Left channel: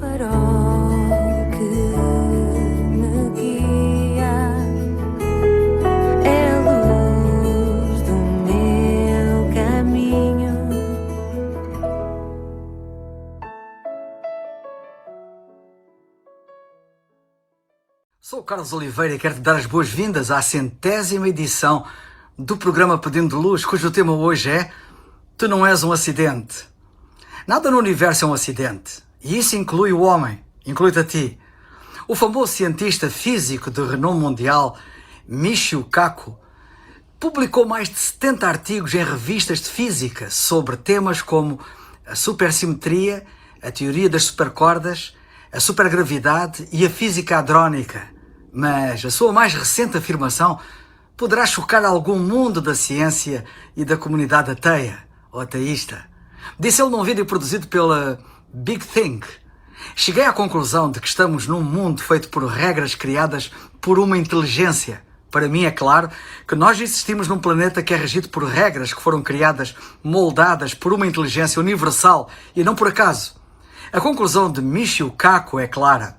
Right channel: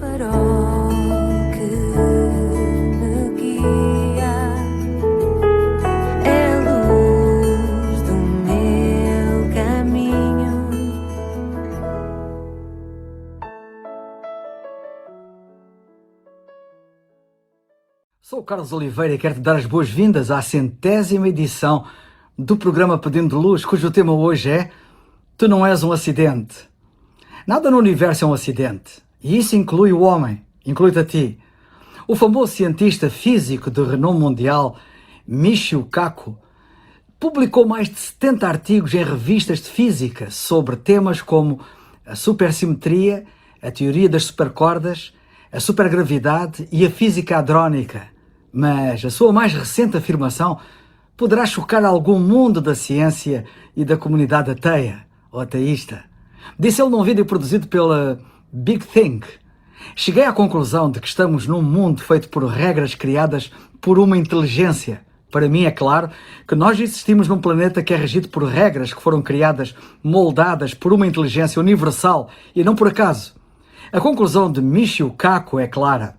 farol que me guia, é a luz do meu caminho. Sou o Carlos Oliveira e quero te dar as boas-vindas à 100ª edição do programa Pedindo Luz, cujo tema hoje é Tu não és um acidente. Nada no universo é um acidente, e isso inclui o homem, inclui-te a ti. O famoso cientista físico de renome mundial, Michio Kaku, publicou mais de 70 artigos em revistas de física sobre temas como a supersimetria, a teoria das supercordas, a supergravidade e a física hadrónica. Mas a sua mais recente afirmação poderá chocar algum mundo da ciência e da comunidade ateia ou ateísta. Disse ele num vídeo produzido pela Big Think: cheguei à conclusão de que estamos num mundo feito por regras criadas por uma inteligência. Para mim é claro que nós existimos num planeta que é regido por regras que foram criadas, moldadas por uma inteligência universal e não por acaso. A conclusão de Michio Kaku é clara.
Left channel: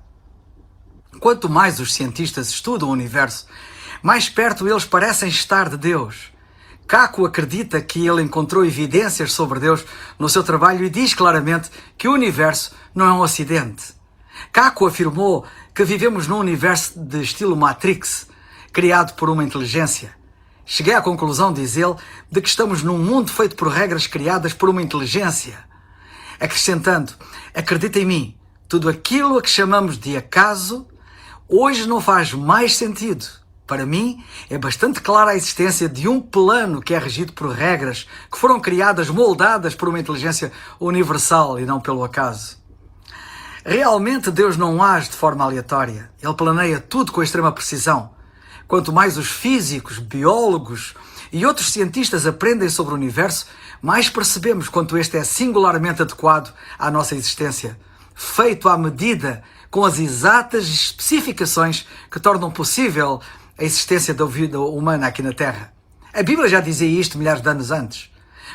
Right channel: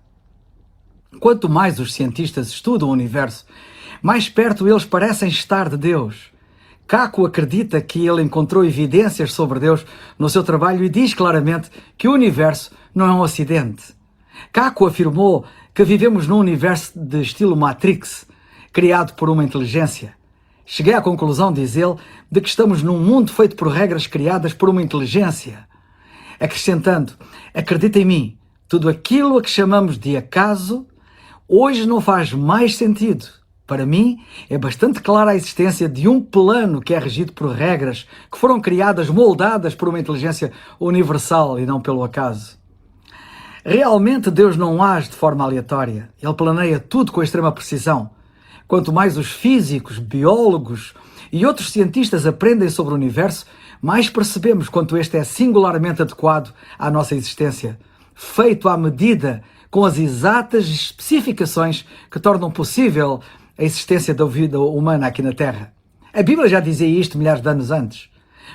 Quanto mais os cientistas estudam o universo, mais perto eles parecem estar de Deus. Kaku acredita que ele encontrou evidências sobre Deus no seu trabalho e diz claramente que o universo não é um acidente. Kaku afirmou que vivemos num universo de estilo Matrix, criado por uma inteligência. Cheguei à conclusão, diz ele, de que estamos num mundo feito por regras criadas por uma inteligência. Acrescentando: acredita em mim, tudo aquilo a que chamamos de acaso hoje não faz mais sentido. Para mim, é bastante clara a existência de um plano que é regido por regras que foram criadas, moldadas por uma inteligência universal e não pelo acaso. Realmente Deus não age de forma aleatória. Ele planeia tudo com extrema precisão. Quanto mais os físicos, biólogos e outros cientistas aprendem sobre o universo, mais percebemos quanto este é singularmente adequado à nossa existência, feito à medida, com as exatas especificações que tornam possível a existência da vida humana aqui na Terra. A Bíblia já dizia isto milhares de anos antes.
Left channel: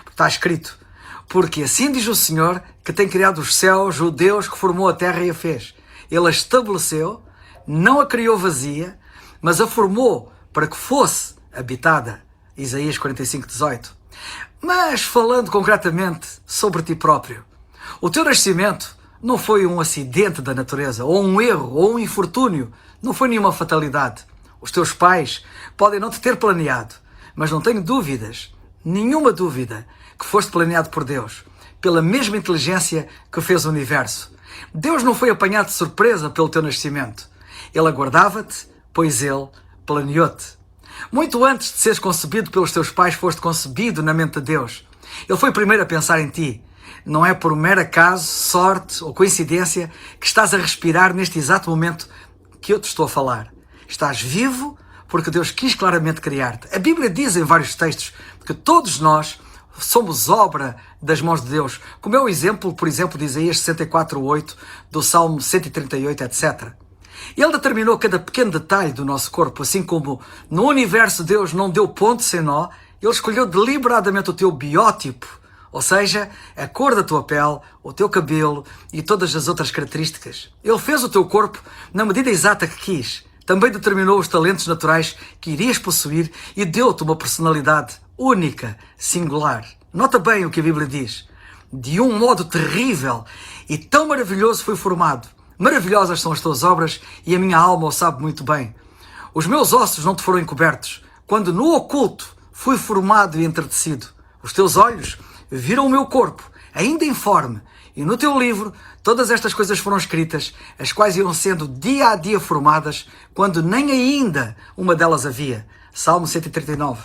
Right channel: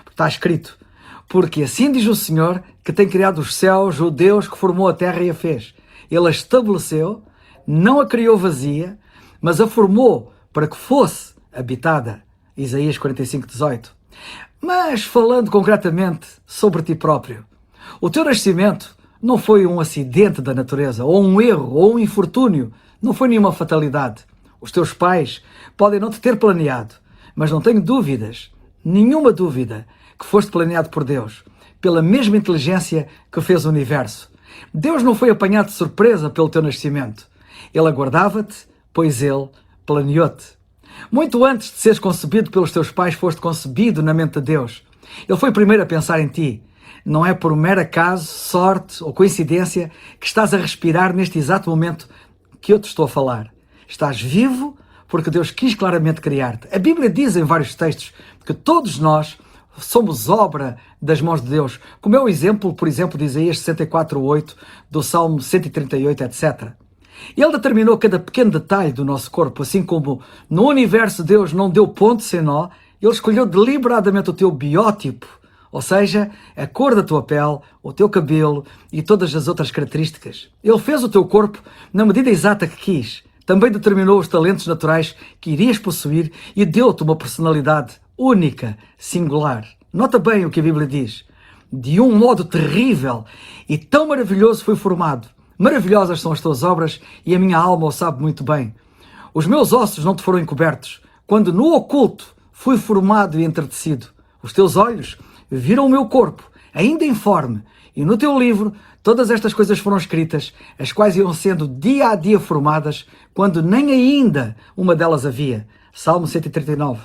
Está escrito: porque assim diz o Senhor, que tem criado os céus, o Deus que formou a terra e a fez. Ele a estabeleceu, não a criou vazia, mas a formou para que fosse habitada. Isaías 45:18. Mas falando concretamente sobre ti próprio, o teu nascimento não foi um acidente da natureza, ou um erro, ou um infortúnio, não foi nenhuma fatalidade. Os teus pais podem não te ter planeado, mas não tenho dúvidas, nenhuma dúvida, que foste planeado por Deus, pela mesma inteligência que fez o universo. Deus não foi apanhado de surpresa pelo teu nascimento. Ele aguardava-te, pois Ele planeou-te. Muito antes de seres concebido pelos teus pais, foste concebido na mente de Deus. Ele foi primeiro a pensar em ti. Não é por mero acaso, sorte ou coincidência que estás a respirar neste exato momento que eu te estou a falar. Estás vivo porque Deus quis claramente criar-te. A Bíblia diz em vários textos que todos nós somos obra das mãos de Deus, como é o exemplo, por exemplo, de Isaías 64:8, do Salmo 138, etc. Ele determinou cada pequeno detalhe do nosso corpo, assim como no universo Deus não deu ponto sem nó, Ele escolheu deliberadamente o teu biótipo, ou seja, a cor da tua pele, o teu cabelo e todas as outras características. Ele fez o teu corpo na medida exata que quis. Também determinou os talentos naturais que irias possuir e deu-te uma personalidade única, singular. Nota bem o que a Bíblia diz. De um modo terrível e tão maravilhoso fui formado. Maravilhosas são as tuas obras e a minha alma o sabe muito bem. Os meus ossos não te foram encobertos, quando no oculto fui formado e entretecido. Os teus olhos viram o meu corpo, ainda informe, e no teu livro todas estas coisas foram escritas, as quais iam sendo dia a dia formadas, quando nem ainda uma delas havia. Salmo 139.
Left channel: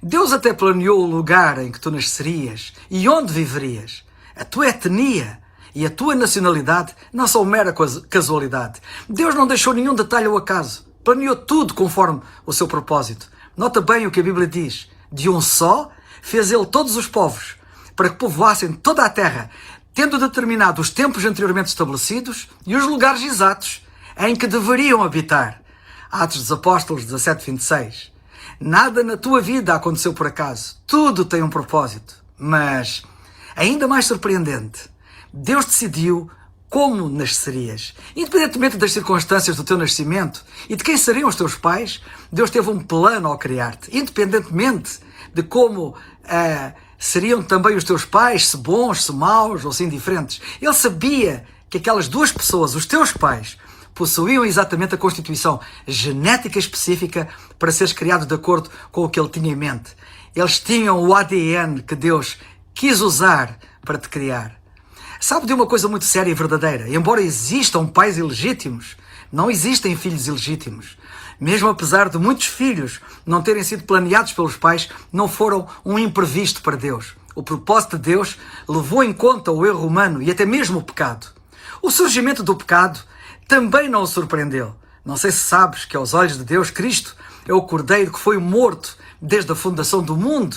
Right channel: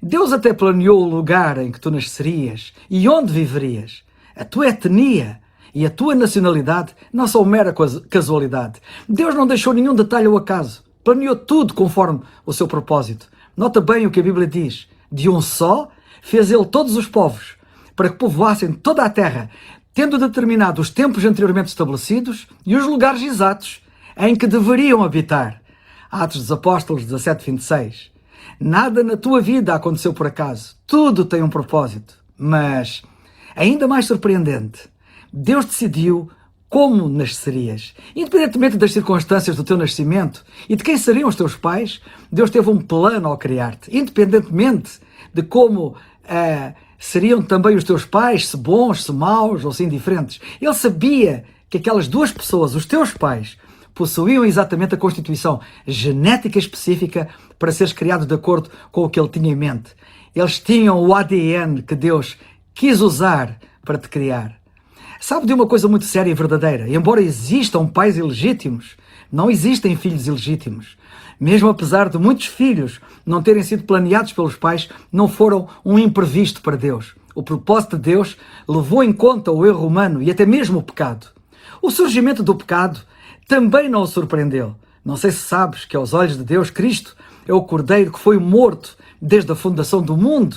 Deus até planeou o lugar em que tu nascerias e onde viverias. A tua etnia e a tua nacionalidade não são mera casualidade. Deus não deixou nenhum detalhe ao acaso. Planeou tudo conforme o seu propósito. Nota bem o que a Bíblia diz. De um só fez Ele todos os povos, para que povoassem toda a terra, tendo determinado os tempos anteriormente estabelecidos e os lugares exatos em que deveriam habitar. Atos dos Apóstolos 17:26. Nada na tua vida aconteceu por acaso. Tudo tem um propósito. Mas, ainda mais surpreendente, Deus decidiu como nascerias. Independentemente das circunstâncias do teu nascimento e de quem seriam os teus pais, Deus teve um plano ao criar-te. Independentemente de como seriam também os teus pais, se bons, se maus ou se indiferentes. Ele sabia que aquelas duas pessoas, os teus pais, possuíam exatamente a constituição genética específica para seres criado de acordo com o que ele tinha em mente. Eles tinham o ADN que Deus quis usar para te criar. Sabe de uma coisa muito séria e verdadeira? Embora existam pais ilegítimos, não existem filhos ilegítimos. Mesmo apesar de muitos filhos não terem sido planeados pelos pais, não foram um imprevisto para Deus. O propósito de Deus levou em conta o erro humano e até mesmo o pecado. O surgimento do pecado também não o surpreendeu. Não sei se sabes que aos olhos de Deus, Cristo é o Cordeiro que foi morto desde a fundação do mundo.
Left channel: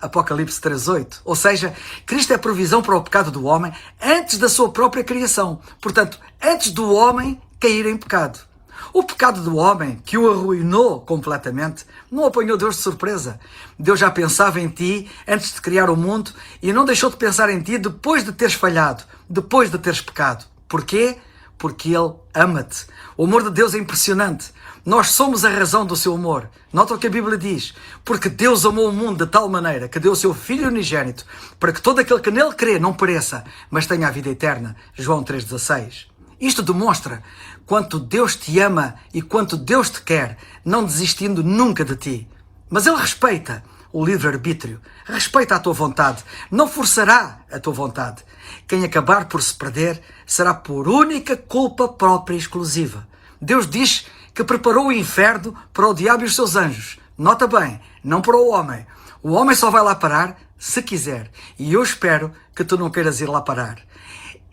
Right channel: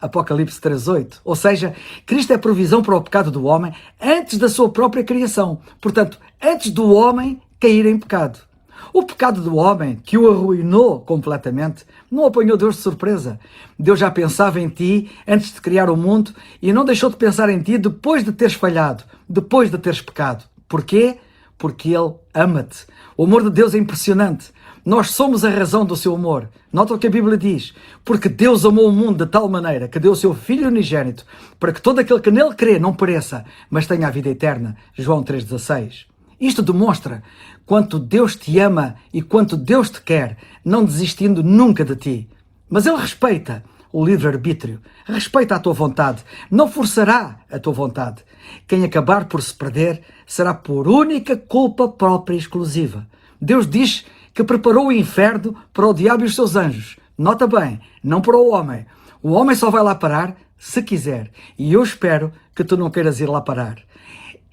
Apocalipse 3:8. Ou seja, Cristo é provisão para o pecado do homem antes da sua própria criação. Portanto, antes do homem cair em pecado. O pecado do homem, que o arruinou completamente, não apanhou Deus de surpresa. Deus já pensava em ti antes de criar o mundo e não deixou de pensar em ti depois de teres falhado, depois de teres pecado. Porquê? Porque Ele ama-te. O amor de Deus é impressionante. Nós somos a razão do seu amor. Nota o que a Bíblia diz. Porque Deus amou o mundo de tal maneira que deu o seu Filho unigênito para que todo aquele que nele crê não pereça, mas tenha a vida eterna. João 3,16. Isto demonstra quanto Deus te ama e quanto Deus te quer, não desistindo nunca de ti. Mas Ele respeita o livre-arbítrio, respeita a tua vontade, não forçará a tua vontade. Quem acabar por se perder será por única culpa própria e exclusiva. Deus diz que preparou o inferno para o diabo e os seus anjos. Nota bem, não para o homem. O homem só vai lá parar se quiser. E eu espero que tu não queiras ir lá parar.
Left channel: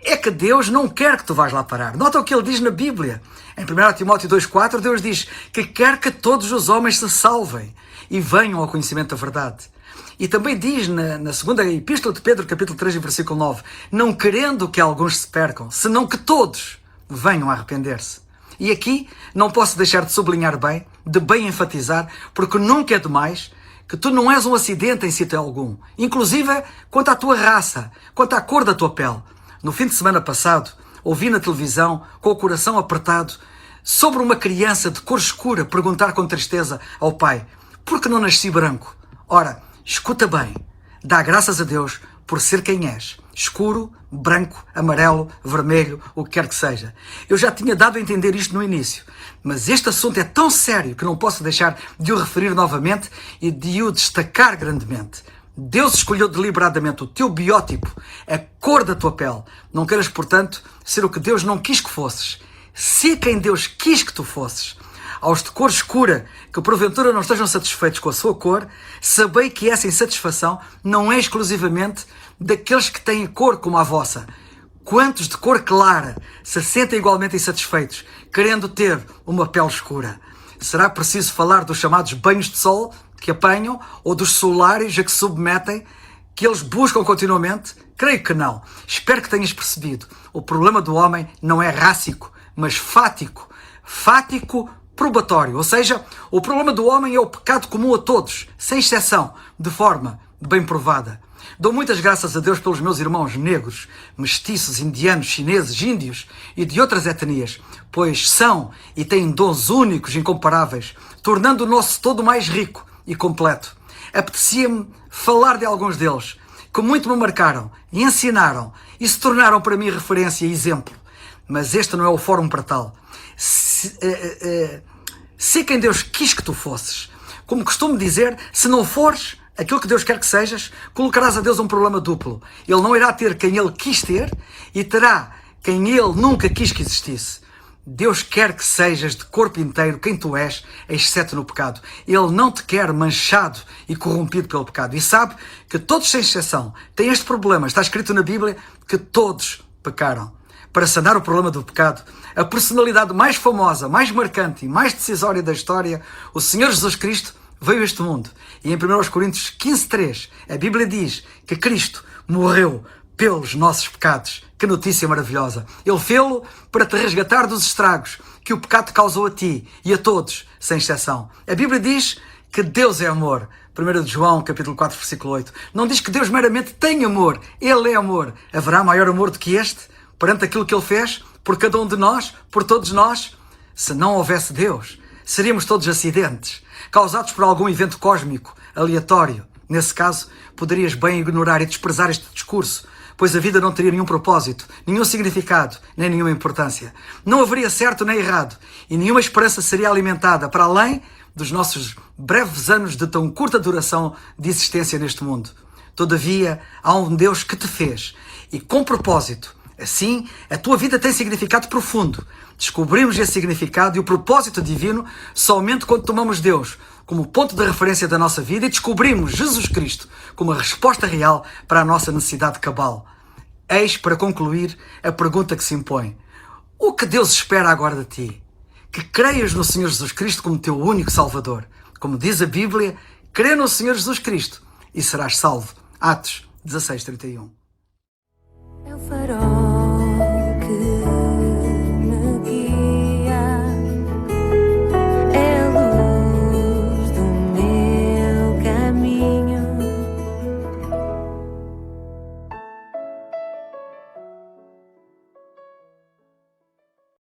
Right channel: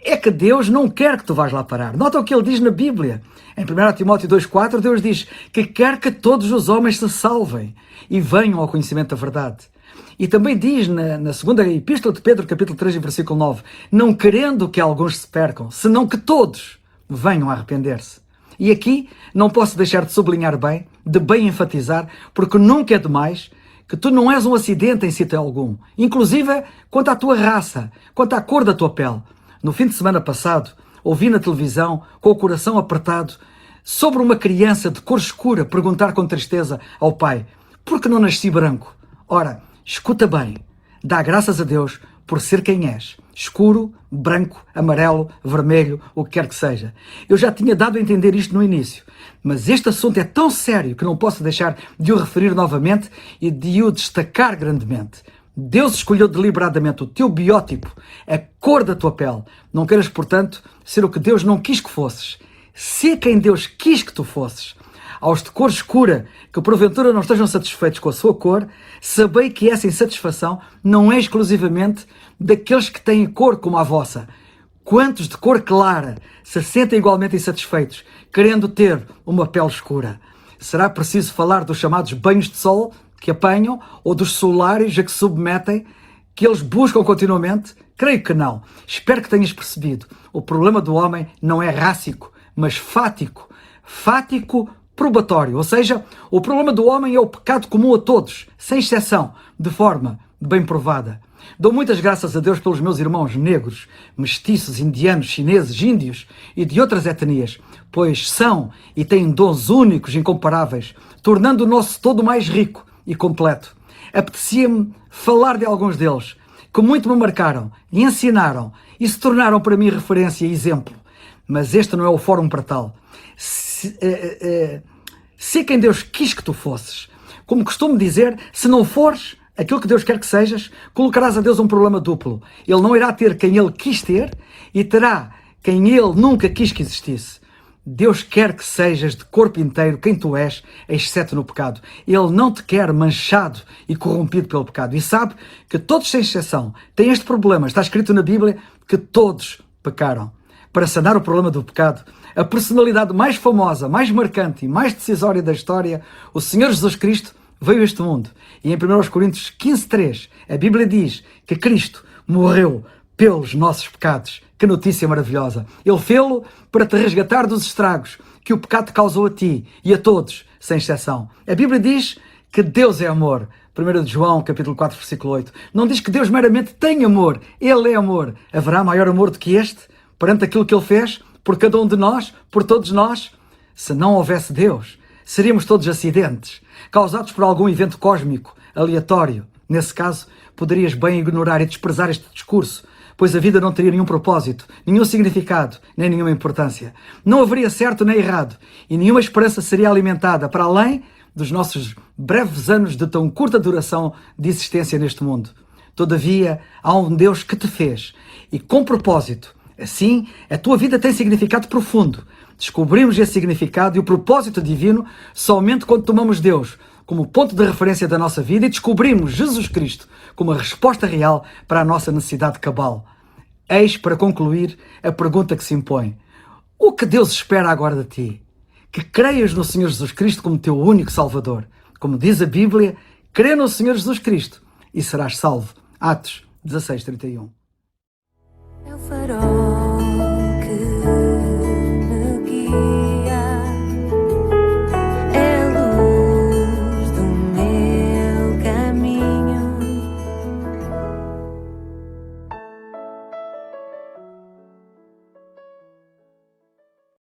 É que Deus não quer que tu vás lá parar. Nota o que Ele diz na Bíblia. Em 1 Timóteo 2,4, Deus diz que quer que todos os homens se salvem e venham ao conhecimento da verdade. E também diz na segunda epístola de Pedro, capítulo 3, versículo 9, não querendo que alguns se percam, senão que todos venham a arrepender-se. E aqui não posso deixar de sublinhar bem, de bem enfatizar, porque nunca é demais, que tu não és um acidente em sítio algum. Inclusive quanto à tua raça, quanto à cor da tua pele. No fim de semana passado, ouvi na televisão, com o coração apertado, sobre uma criança de cor escura perguntar com tristeza ao pai, por que não nasci branco? Ora, escuta bem, dá graças a Deus por ser quem és. Escuro, branco, amarelo, vermelho, o que quer que seja. Eu já tinha dado a entender isto no início, mas este assunto é tão sério que não posso deixar de o referir novamente e de o destacar grandemente. Deus escolheu deliberadamente o teu biótipo, a cor da tua pele. Não queiras, portanto, ser o que Deus não quis que fosses. Sê quem Deus quis que tu fosses. Aos de cor escura, que porventura não estejam satisfeitos com a sua cor, sabei que essa insatisfação não é exclusivamente daqueles que têm cor como a vossa. Quantos de cor clara se sentem igualmente insatisfeitos, querendo ter uma pele escura? Será preciso falar dos chamados banhos de sol que apanham ou dos solários a que se submetem, que eles buscam continuamente? Creio que não. Espero que tenhas percebido. O problema do homem não é rássico, mas fático. Fático probatório. Ou seja, o problema do homem é o pecado comum a todos, sem exceção, de forma bem provada. Dou muitas graças a Deus pelos meus irmãos negros, mestiços, indianos, chineses, índios e de outras etnias, pois são e têm dons únicos, incomparáveis, tornando o nosso todo mais rico e completo. Apetecia-me falar de alguns deles, que muito me marcaram e ensinaram e se tornaram para mim referência e exemplo. Mas este não é o fórum para tal. Sê quem Deus quis que tu fosses. Como costumo dizer, se não fores aquilo que Deus quer que sejas, colocarás a Deus um problema duplo. Ele não irá ter quem Ele quis ter e terá quem Ele nunca quis que existisse. Deus quer que sejas de corpo inteiro quem tu és, exceto no pecado. Ele não te quer manchado e corrompido pelo pecado. E sabe que todos, sem exceção, têm este problema. Está escrito na Bíblia que todos pecaram. Para sanar o problema do pecado, a personalidade mais famosa, mais marcante e mais decisória da história, o Senhor Jesus Cristo, veio a este mundo. E em 1 Coríntios 15:3, a Bíblia diz que Cristo morreu pelos nossos pecados. Que notícia maravilhosa! Ele fê-lo para te resgatar dos estragos que o pecado causou a ti e a todos, sem exceção. A Bíblia diz que Deus é amor. 1 João, capítulo 4, versículo 8. Não diz que Deus meramente tem amor. Ele é amor. Haverá maior amor do que este? perante aquilo que Ele fez por cada um de nós, por todos nós. Se não houvesse Deus, seríamos todos acidentes, causados por algum evento cósmico, aleatório. Nesse caso, poderias bem ignorar e desprezar este discurso, pois a vida não teria nenhum propósito, nenhum significado, nem nenhuma importância. Não haveria certo nem errado, e nenhuma esperança seria alimentada, para além dos nossos breves anos de tão curta duração de existência neste mundo. Todavia, há um Deus que te fez, e com propósito. Assim, a tua vida tem significado profundo. Descobrimos esse significado e o propósito divino somente quando tomamos Deus como ponto de referência da nossa vida e descobrimos Jesus Cristo como a resposta real para a nossa necessidade cabal. Eis, para concluir, a pergunta que se impõe. O que Deus espera agora de ti? Que creias no Senhor Jesus Cristo como teu único Salvador. Como diz a Bíblia, crê no Senhor Jesus Cristo e serás salvo. Atos 16:31. É o farol